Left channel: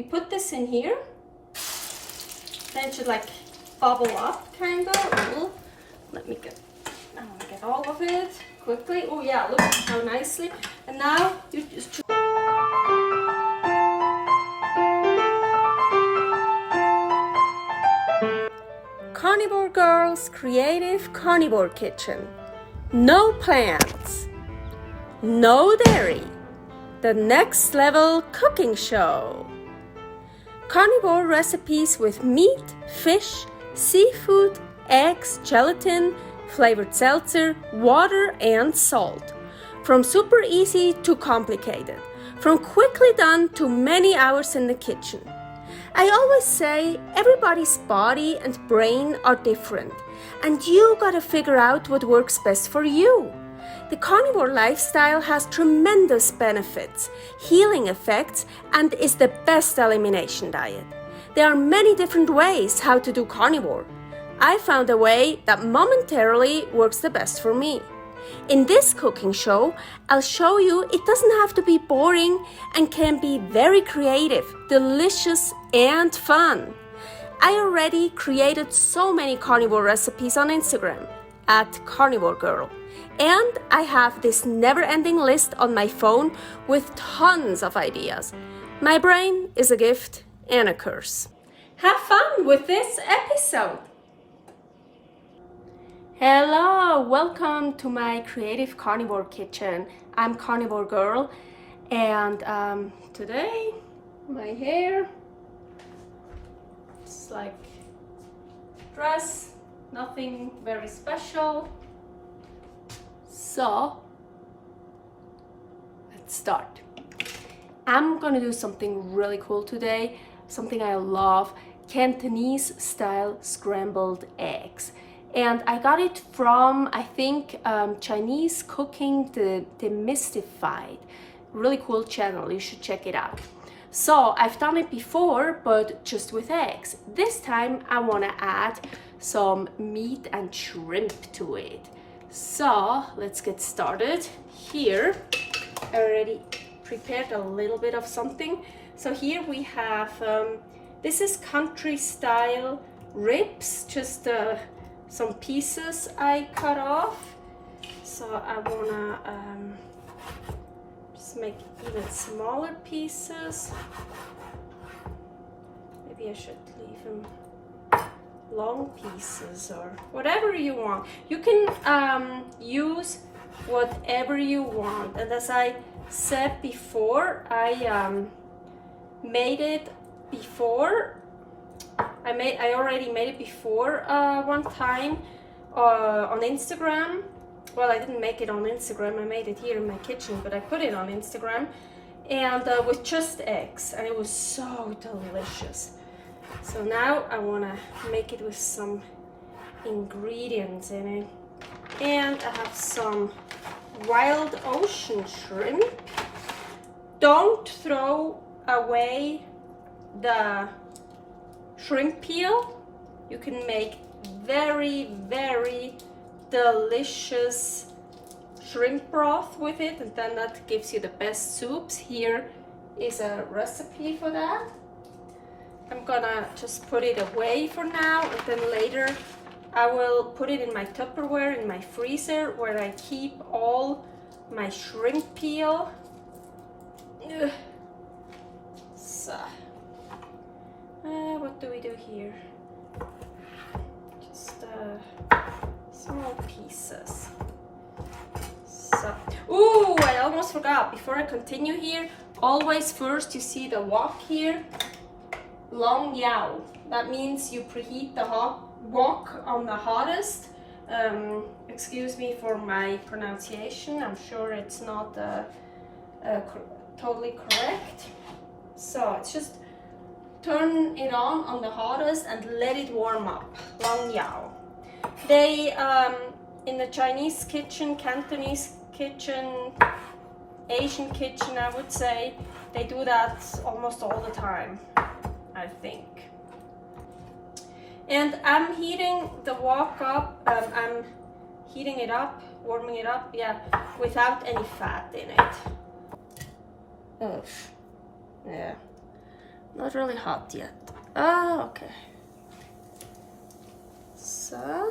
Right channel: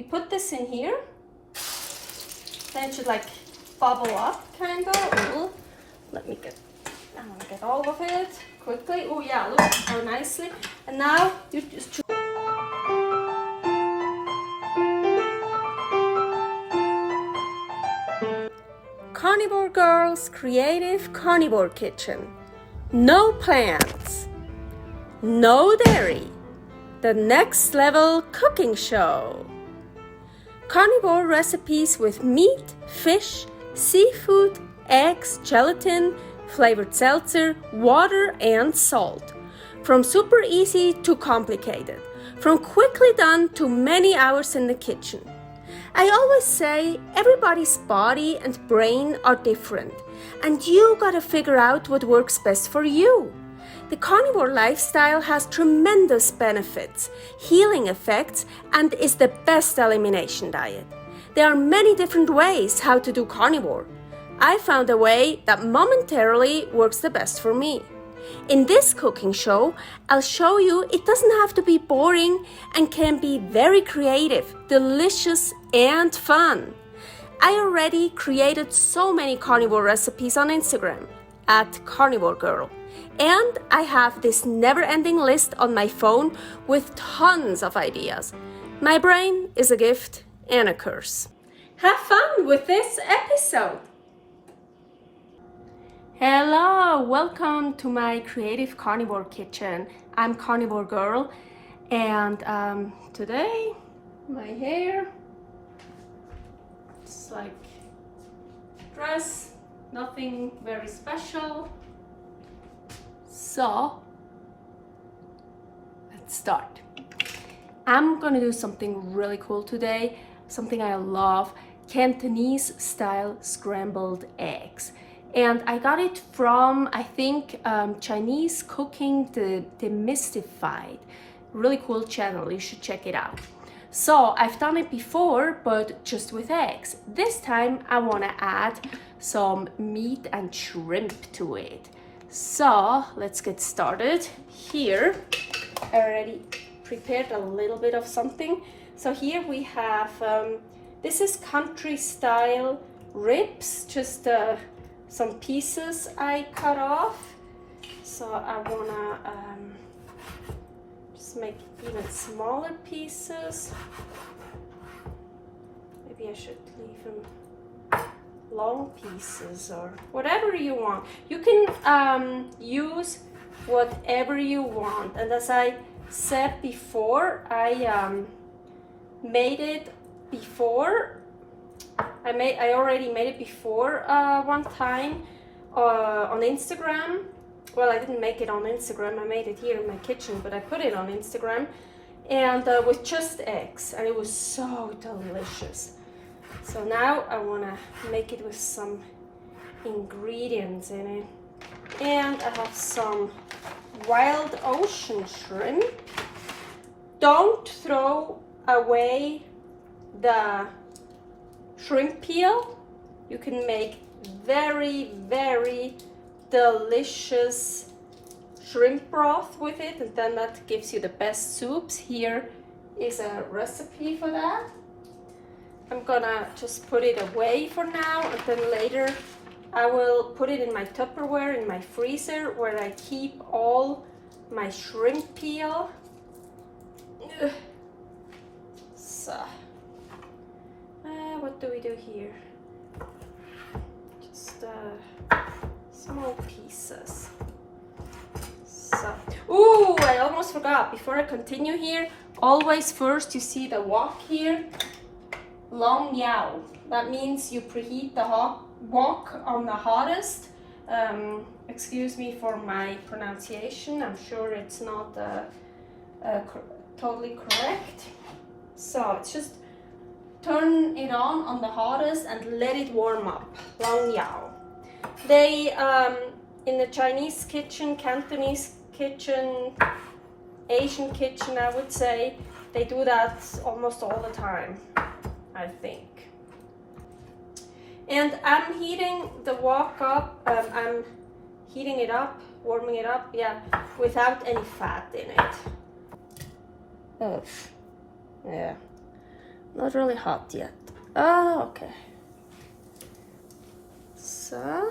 you put this in here, and it should like bubble up, kind of. Let me get all of it quickly. Oh yeah, look how nicely. And now you just Carnivore Girl's Creative Carnivore Kitchen. No plants, no dairy, the next level cooking show. Carnivore recipes with meat, fish, seafood, eggs, gelatin, flavored seltzer, water, and salt. From super easy to complicated, from quickly done to many hours in the kitchen. I always say everybody's body and brain are different, and you gotta figure out what works best for you. The carnivore lifestyle has tremendous benefits, healing effects, and is the best elimination diet. There are many different ways how to do carnivore. I found a way that momentarily works the best for me. In this cooking show, I'll show you it doesn't have to be boring and can be very creative, delicious, and fun. I already created so many carnivore recipes on Instagram at karnivorgirl, and I have this never-ending list on my phone with tons of ideas. My brain is a gift and a curse. Have fun with this episode! Hello, welcome to my creative carnivore kitchen. I'm Carnivore Girl, and today my hair, it's like dress, nothing very special. So let's start. I'm gonna do something really cool today, something I love, Cantonese style scrambled eggs. And I got it from, I think, Chinese Cooking Demystified. Really cool channel, you should check it out. So I've done it before, but just with eggs. This time I want to add some meat and shrimp to it. So let's get started. Here I already prepared a little bit of something. So here we have, this is country style ribs, just some pieces I cut off. So I wanna just make even smaller pieces. Maybe I should leave them long pieces or whatever you want. You can use whatever you want. And as I said before, I made it before. I already made it before one time on Instagram. Well, I didn't make it on Instagram, I made it here in my kitchen, but I put it on Instagram, and with just eggs, and it was so delicious. So now I want to make it with some ingredients in it. And I have some wild ocean shrimp. Don't throw away the shrimp peel. You can make very, very delicious shrimp broth with it, and then that gives you the best soups. Here is a recipe for that. I'm gonna just put it away for now, and then later I will put it in my Tupperware in my freezer where I keep all my shrimp peel. Ugh. So what do we do here? Just small pieces. So, ooh, I almost forgot. Before I continue here, always first you see the wok here, long yao. That means you preheat the wok on the hottest. Excuse me for my pronunciation. I'm sure it's not totally correct. So it's just turn it on the hottest and let it warm up. Long yao. They in the Chinese kitchen, Cantonese kitchen, Asian kitchen, I would say, they do that almost all the time, I think. And I'm heating the wok up. I'm heating it up, warming it up, yeah, without any fat in it. Ugh. Yeah. Not really hot yet. Ah, okay. So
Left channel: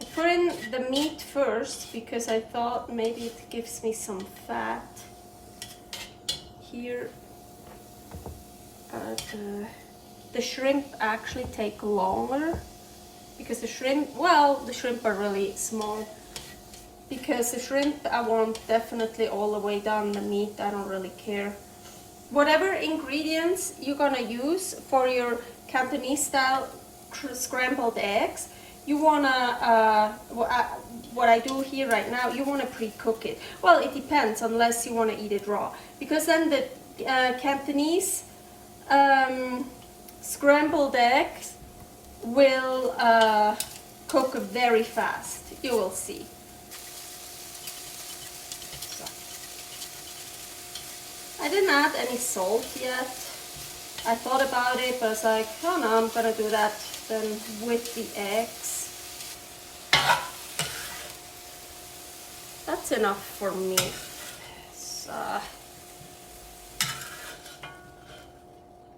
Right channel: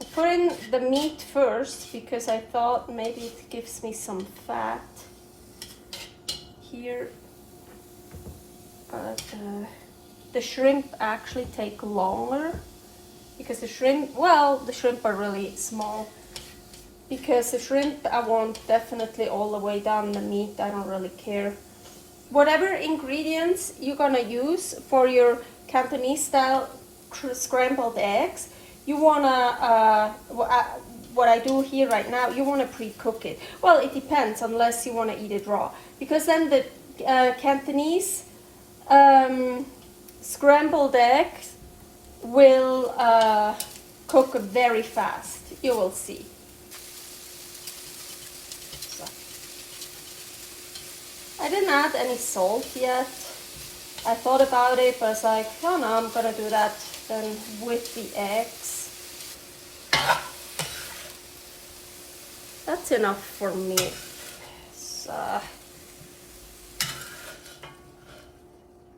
I put in the meat first because I thought maybe it gives me some fat here. The shrimp actually take longer because the shrimp are really small. Because the shrimp I want definitely all the way down. The meat I don't really care. Whatever ingredients you're gonna use for your Cantonese style scrambled eggs, you wanna what I do here right now, you wanna pre-cook it. Well, it depends, unless you wanna eat it raw, because then the Cantonese scrambled eggs will cook very fast. You will see. I didn't add any salt yet. I thought about it, but I was like, oh no, I'm gonna do that then with the eggs. That's enough for me. So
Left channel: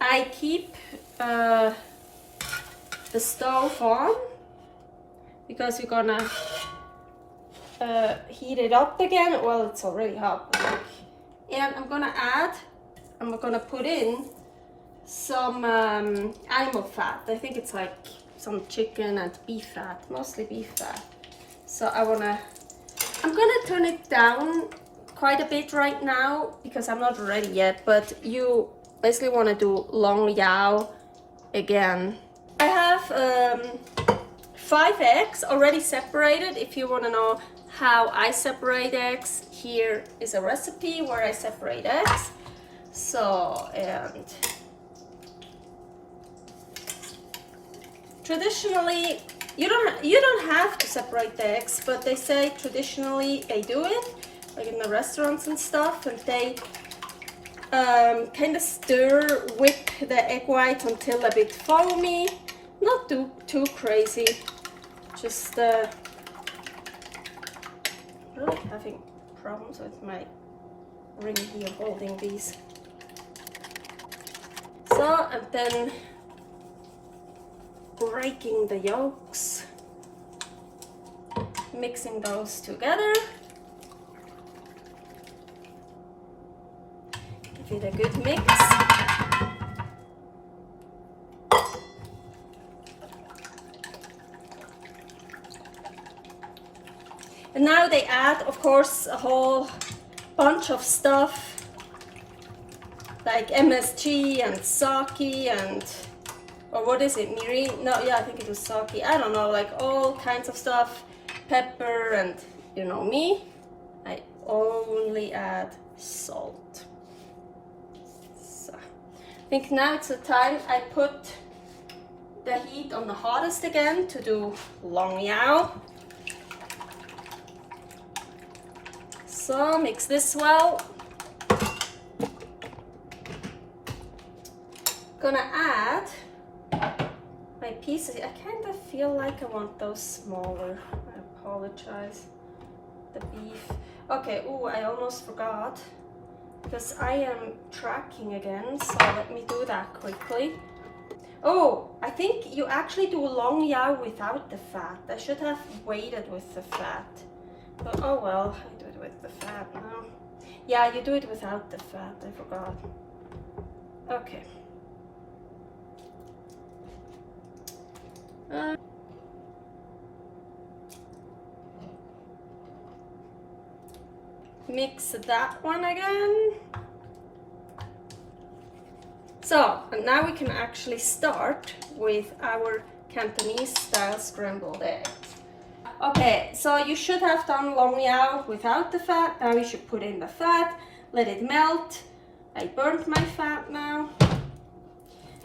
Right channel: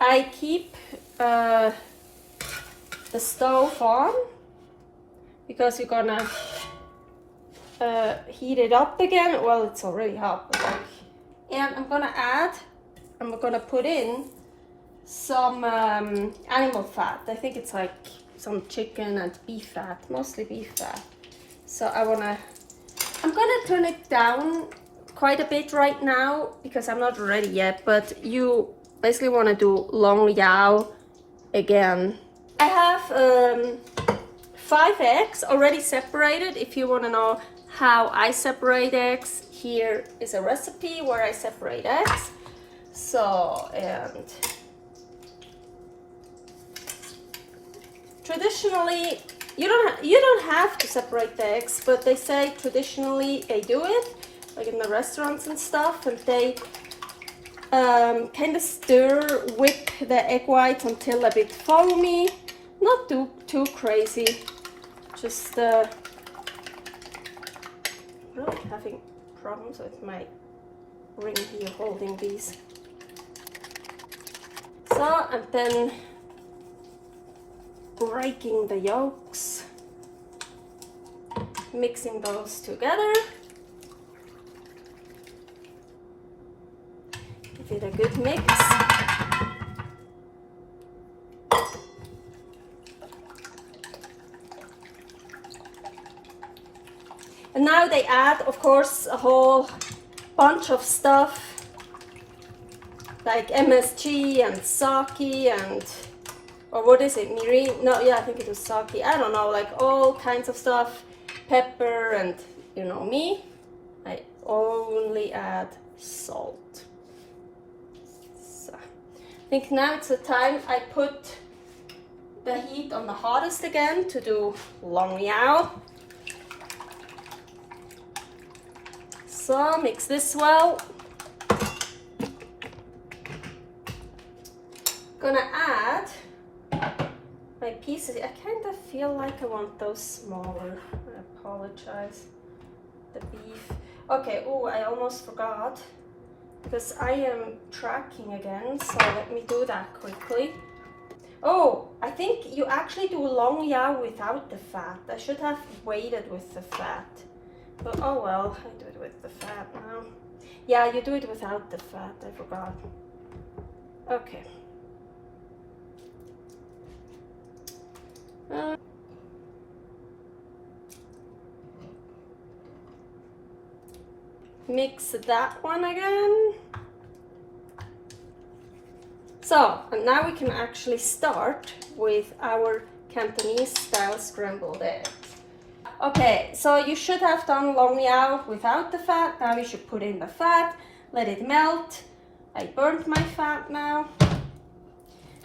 I keep the stove on because we're gonna heat it up again. Well, it's already hot. And I'm gonna put in some animal fat. I think it's like some chicken and beef fat, mostly beef fat. So I'm gonna turn it down quite a bit right now because I'm not ready yet, but you basically want to do long yao again. I have 5 eggs already separated. If you want to know how I separate eggs, here is a recipe where I separate eggs. So, and traditionally you don't have to separate the eggs, but they say traditionally they do it, like in the restaurants and stuff, and they kind of whip the egg whites until a bit foamy, not too crazy, just really having problems with my ring here holding these. So, and then breaking the yolks, mixing those together, give it a good mix. And now they add, of course, a whole bunch of stuff like MSG and sake and, or what is it, mirin? No, yeah, I think it was sake. I don't know, like all kinds of stuff, pepper, and you know me, I only add salt. So I think now it's the time I put the heat on the hottest again to do long yao. So mix this well. Gonna add my pieces. I kind of feel like I want those smaller. I apologize. The beef. Okay, oh, I almost forgot because I am tracking again, so let me do that quickly. Oh, I think you actually do long yao without the fat. I should have waited with the fat. But oh well, I do it with the fat now. Yeah, you do it without the fat, I forgot. Okay. Mix that one again. So, and now we can actually start with our Cantonese style scrambled eggs. Okay, so you should have done long yao without the fat. Now you should put in the fat, let it melt. I burnt my fat now.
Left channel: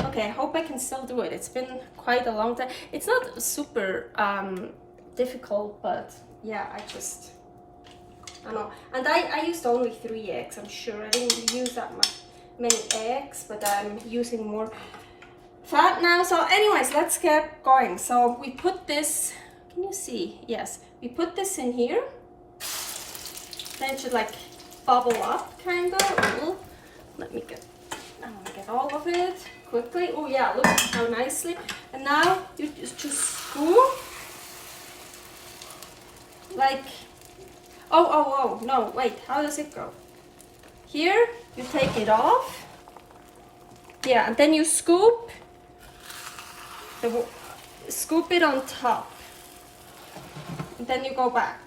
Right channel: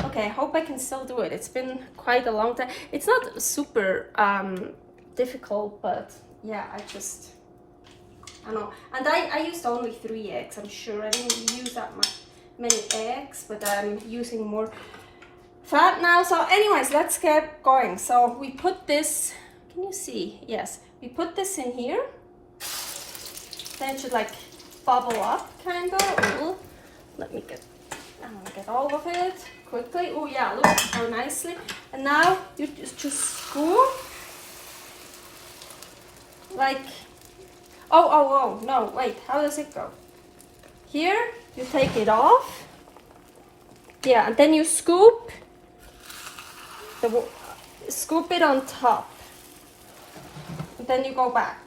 Okay, I hope I can still do it. It's been quite a long time. It's not super difficult, but yeah, I don't know. And I used only 3 eggs, I'm sure. I didn't use that many eggs, but I'm using more fat now. So anyways, let's get going. So we put this, can you see? Yes, we put this in here. Then it should like bubble up, kind of. Let me get all of it quickly. Oh yeah, look so nicely. And now you just scoop. Like, oh, no, wait, how does it go? Here, you take it off. Yeah, and then you scoop it on top. And then you go back.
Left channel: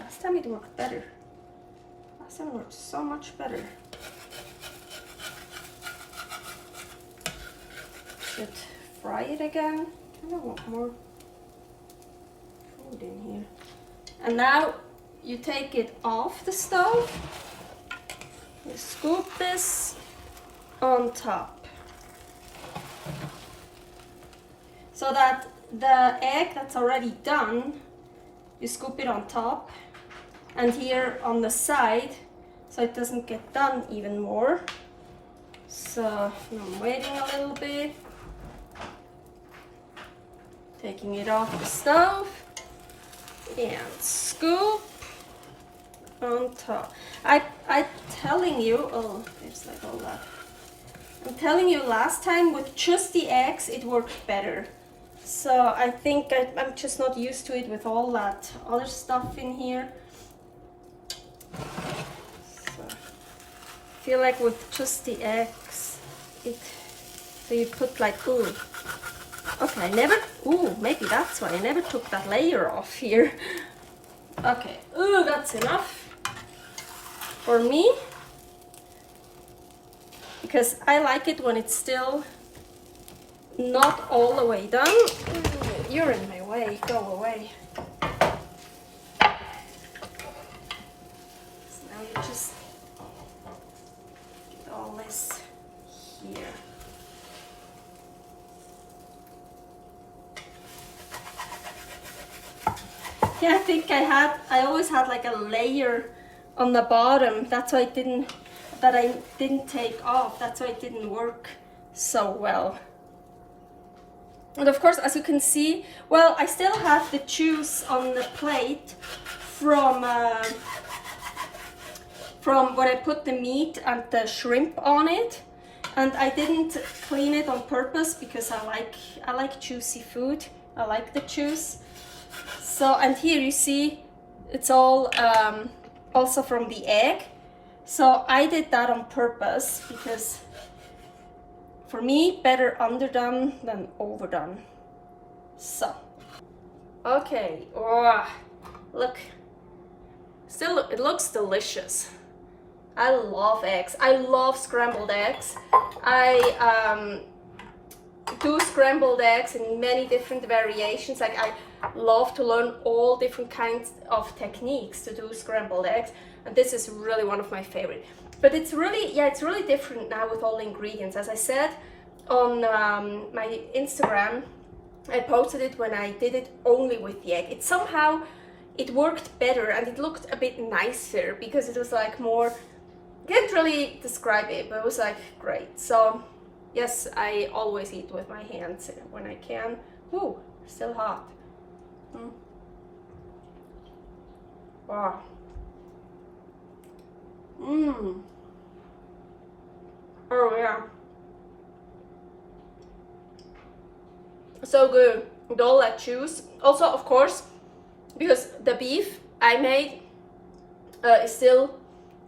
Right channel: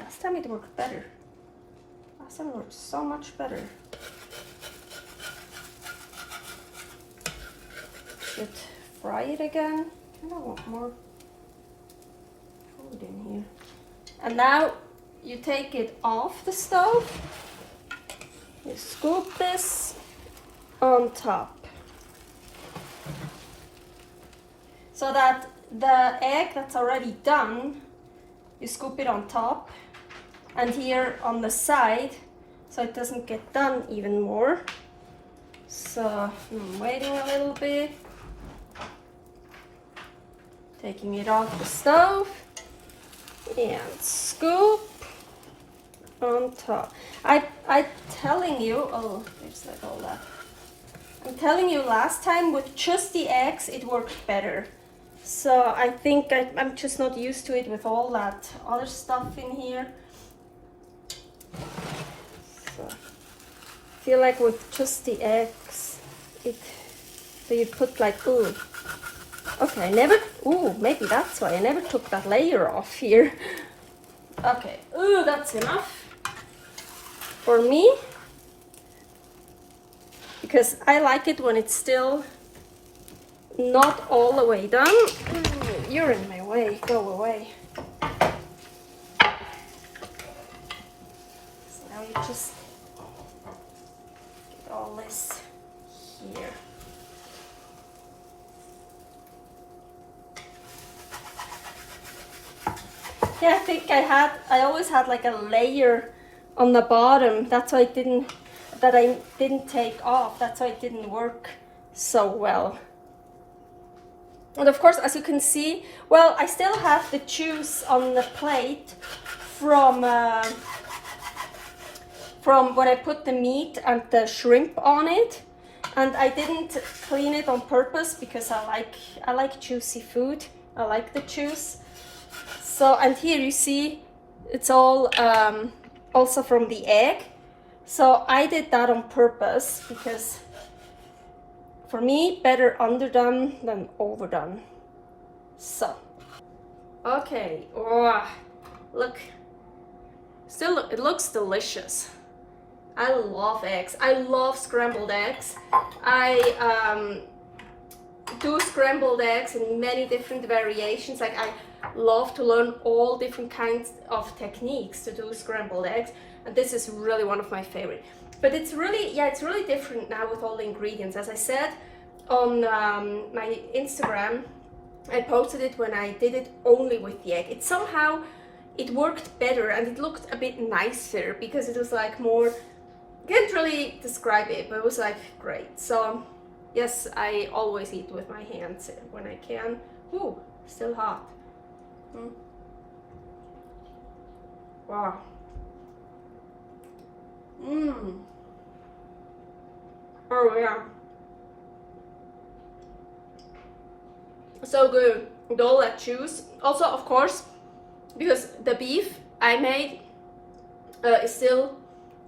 Last time it worked better. Last time it worked so much better. Should fry it again. I don't want more food in here. And now you take it off the stove. You scoop this on top. So that the egg that's already done, you scoop it on top. And here on the side, so it doesn't get done even more. So I'm waiting a little bit. Taking it off the stove and scoop on top. I'm telling you, oh, there's like all that. I'm telling you, last time with just the eggs, it worked better. So I think I'm just not used to it with all that other stuff in here. So I feel like with just the eggs, so you put like, ooh. Okay, maybe that's why I never took that layer off here. Okay, ooh, that's enough for me. Because I like it when it's still not all the way done. Ooh, you're in my way, go away. So now you just get all this here. Yeah, I think I always had like a layer on the bottom. That's why I didn't take off. That's why it didn't work so well. And of course, as you can see, well, I still have the juice on the plate from when I put the meat and the shrimp on it. And I didn't clean it on purpose because I like juicy food. I like the juice. So, and here you see it's all also from the egg. So I did that on purpose because for me, better underdone than overdone. So, okay, oh, look, still it looks delicious. I love eggs. I love scrambled eggs. I do scrambled eggs in many different variations. Like I love to learn all different kinds of techniques to do scrambled eggs, and this is really one of my favorite. But it's really, yeah, it's really different now with all the ingredients. As I said on my Instagram, I posted it when I did it only with the egg. It worked better and it looked a bit nicer because it was like more, can't really describe it, but it was like great. So yes, I always eat with my hands when I can. Ooh, still hot. Wow. Oh yeah. So good with all that juice. Also, of course, because the beef I made is still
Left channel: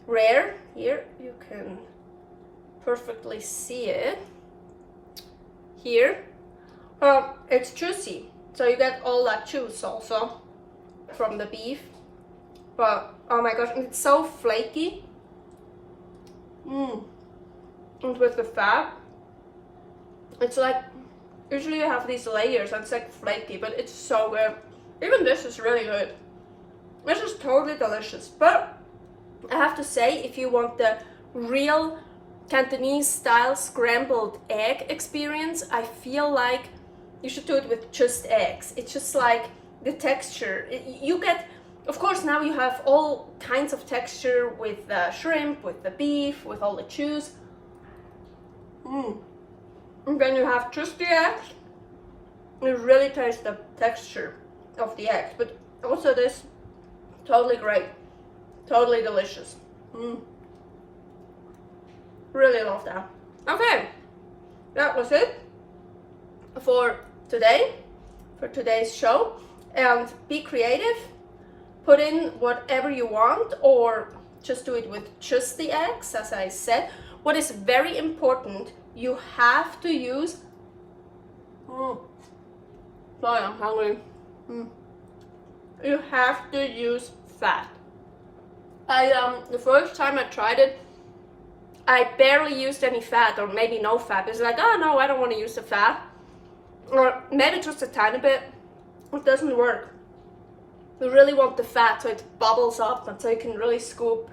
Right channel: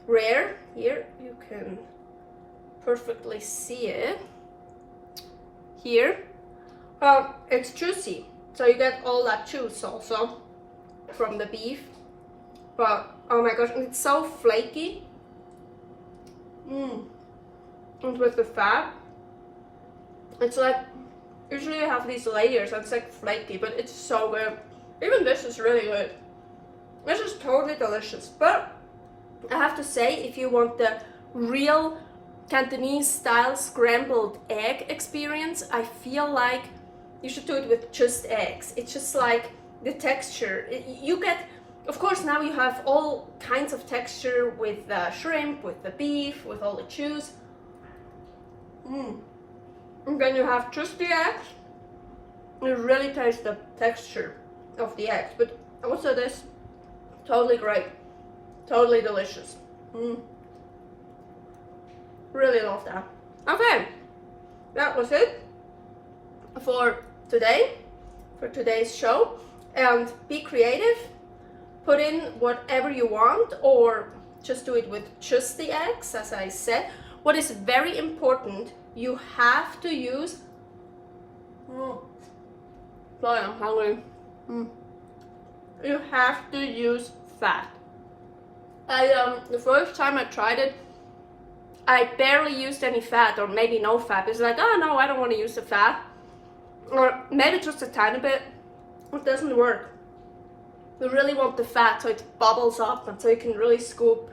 rare. Here you can perfectly see it. Here, it's juicy, so you get all that juice also from the beef. But oh my gosh, and it's so flaky. And with the fat, it's like, usually you have these layers and it's like flaky, but it's so good. Even this is really good. This is totally delicious. But I have to say, if you want the real Cantonese style scrambled egg experience, I feel like you should do it with just eggs. It's just like the texture. You get, of course, now you have all kinds of texture with the shrimp, with the beef, with all the juice. And then you have just the eggs. You really taste the texture. of the eggs, but also this, totally great, totally delicious. Really love that. Okay, that was it for today, for today's show. And be creative, put in whatever you want, or just do it with just the eggs, as I said. What is very important, you have to use, sorry, I'm hungry. You have to use fat. The first time I tried it, I barely used any fat, or maybe no fat. It's like, oh no, I don't want to use the fat, or maybe just a tiny bit. It doesn't work. You really want the fat so it bubbles up and so you can really scoop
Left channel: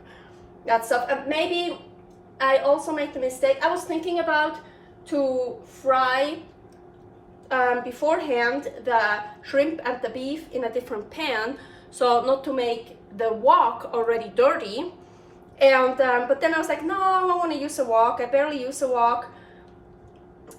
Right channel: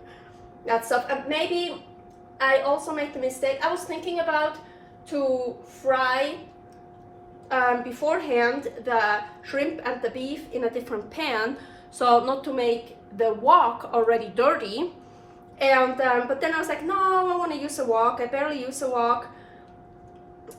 that stuff. And maybe I also made the mistake. I was thinking about to fry beforehand the shrimp and the beef in a different pan, so not to make the wok already dirty. And but then I was like, no, I want to use a wok. I barely use a wok,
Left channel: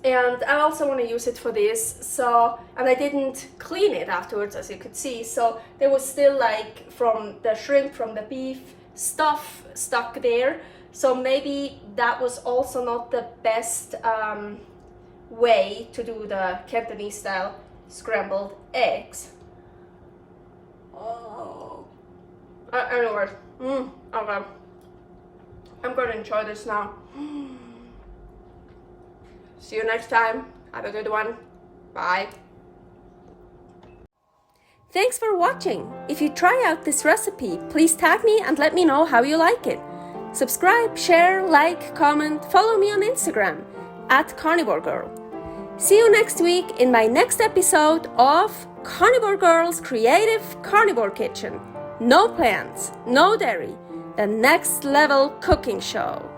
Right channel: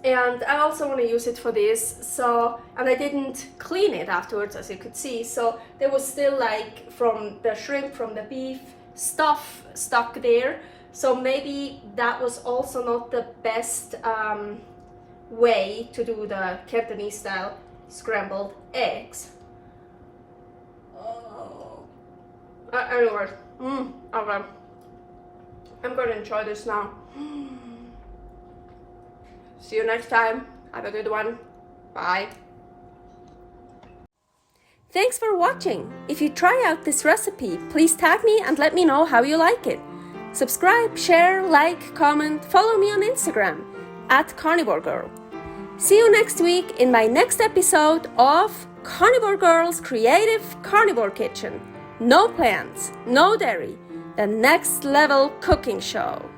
and I also want to use it for this. So, and I didn't clean it afterwards, as you could see, so there was still like from the shrimp, from the beef, stuff stuck there. So maybe that was also not the best way to do the Cantonese style scrambled eggs. Anyways, okay, I'm gonna enjoy this now. See you next time. Have a good one. Bye. Thanks for watching. If you try out this recipe, please tag me and let me know how you like it. Subscribe, share, like, comment, follow me on Instagram @karnivorgirl. See you next week in my next episode of Carnivore Girl's Creative Carnivore Kitchen. No plants, no dairy, the next level cooking show.